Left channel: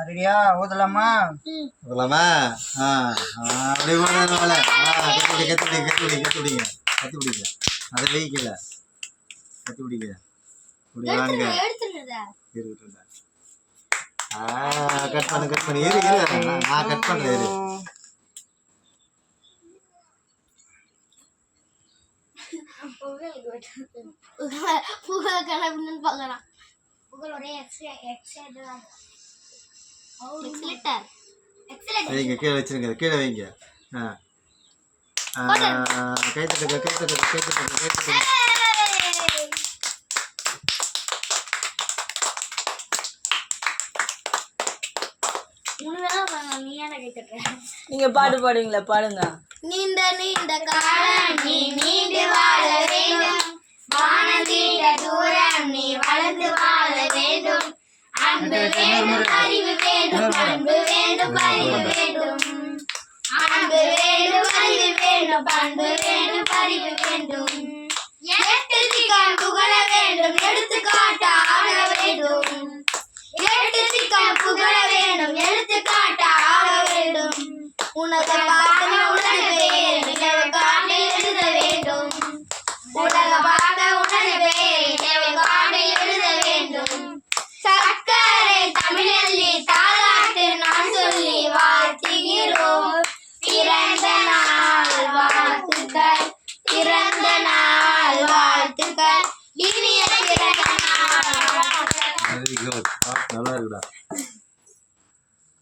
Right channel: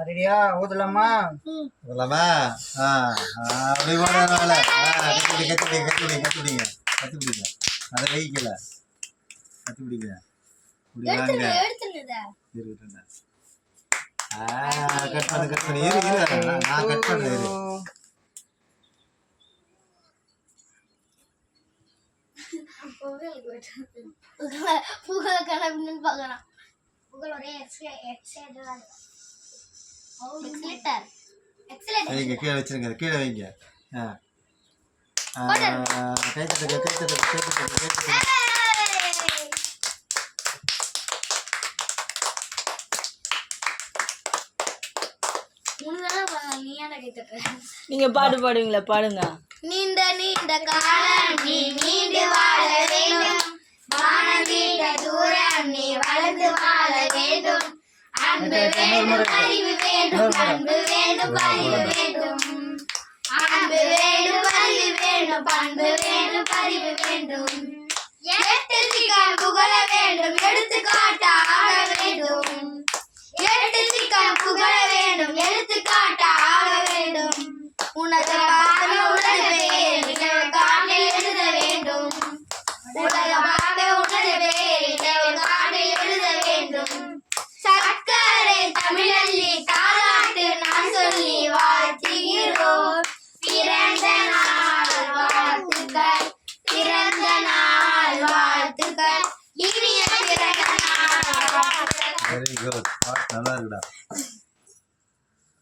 ரெடியா ஊதலாமா? சொல்லலாமா ஆ அப்படி போடுறதுனால அதை வைக்கல இப்படி வாங்க. இருக்கட்டும் கட் பண்ணு கட் பண்ணு. இரு இரு. நான் கட் பண்ணல இரு. புகழ் புகழ் கிளம்பின்னு பார்க்கலாம். புகழ் ஒரே எக்ஸ்ட்ரா எக்ஸ்ட்ரா வைங்க கீழே வச்சிருங்க. கீழே வைங்க. ஆ. ஆ, கை தட்டுங்க கை தட்டுங்க கை தட்டுங்க கை தட்டுங்க. முன்னாடி நீ ஏன்டா கை தட்டுற? நீங்க பாட்டு பாடுவீங்களா? பாடுங்க. நீண்ட நீண்ட காலம் அன்பு வேண்டும் அறிவு வேண்டும் அன்பு வேண்டும் அறிவு வேண்டும். அன்பு வேண்டும் அறிவு வேண்டும் பண்பு வேண்டும் அறிவு வேண்டும். எட்டு திகான் புகழ வேண்டும் எடுத்துக்காட்டாக வேண்டும். வெரி குட் நல்லா இருக்குடா.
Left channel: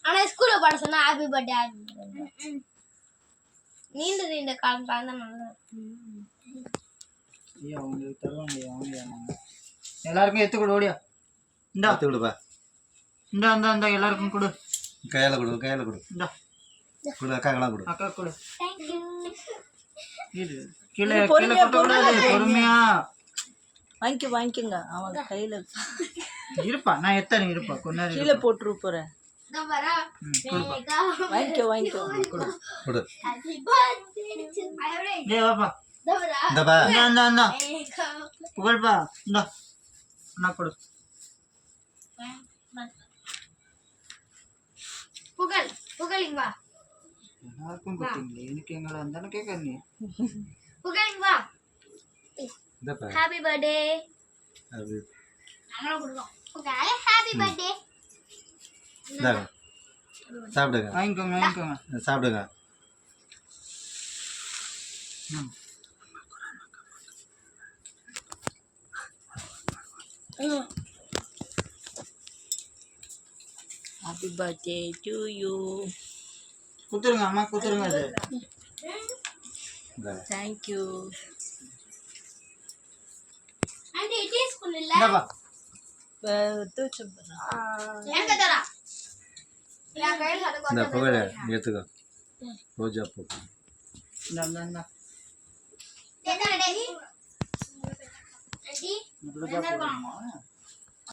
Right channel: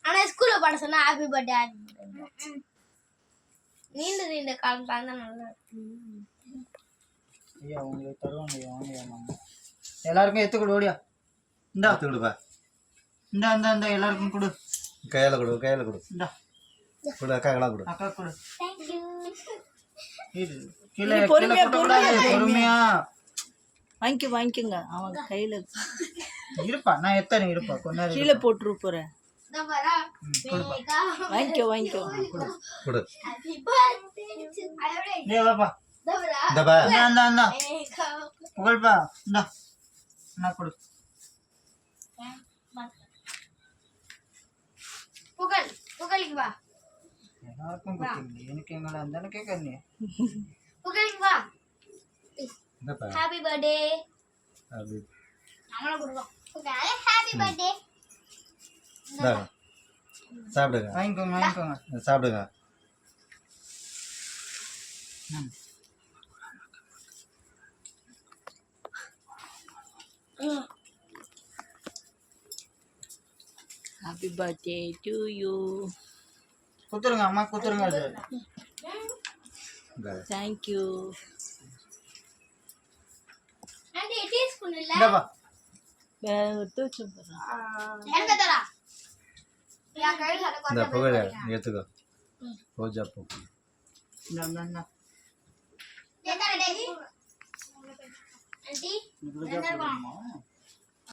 ஆனா ஸ்கூல்ல பாட சொன்னா ஹாப்பி பர்த்டே ஹாப்பி பர்த்டே நீண்ட நீண்ட காலம் பாருந்தா நல்லா ஐயா உங்களுக்கு தருவாங்க ஐயா வாங்க நாங்க எல்லாருக்கும் எத்து கொடு ஓடியா. இந்தா. பார்த்து கொடுப்பா. இந்தா இந்தா இந்தா எல்லாருக்கும் கொடு. கையால் கொடு கையால் கொடு. இந்தா. கொடு அக்காக்கெல்லாம் கொடு. அக்கா கொடு. தேங்க்யூ இது கீழே கீழே. பொறுமையா. வாங்கிக்க வாங்கிக்கோங்க. அவன் கையில இருப்பா. நான் எத்தனை இருப்பா? கொஞ்ச நேரம் கீழே போட்டுரு போறேன் வாங்கிக்கோ வாங்கிக்கோ. ஹாப்பி வாப்பா. இந்தப்பா புகழ்ப்பா. இந்தா. நான் கொடு. புகழ் புகழ் இங்க வா. எல்லாருக்கும் கொடுத்தீங்க எனக்கு எங்களை அந்த கேட்கறீங்க புகழ் இங்க வா. இந்தப்பா ஹாப்பி பர்த்டே அது நம்மளும் கொடுப்போம் சாப்பிடுங்க. வாங்கிக்கோங்க வாங்கிக்கோங்க. சாப்பிடுங்க. ஹாப்பி பர்த்டே டு யூ கொடுத்துருங்க அம்மா கொடுத்துருங்க அது. தேங்க்யூ ஆண்டி டீ ஸ்பூன் எடுத்துக்கோ ரோஜா பூ ரோஜா பூ?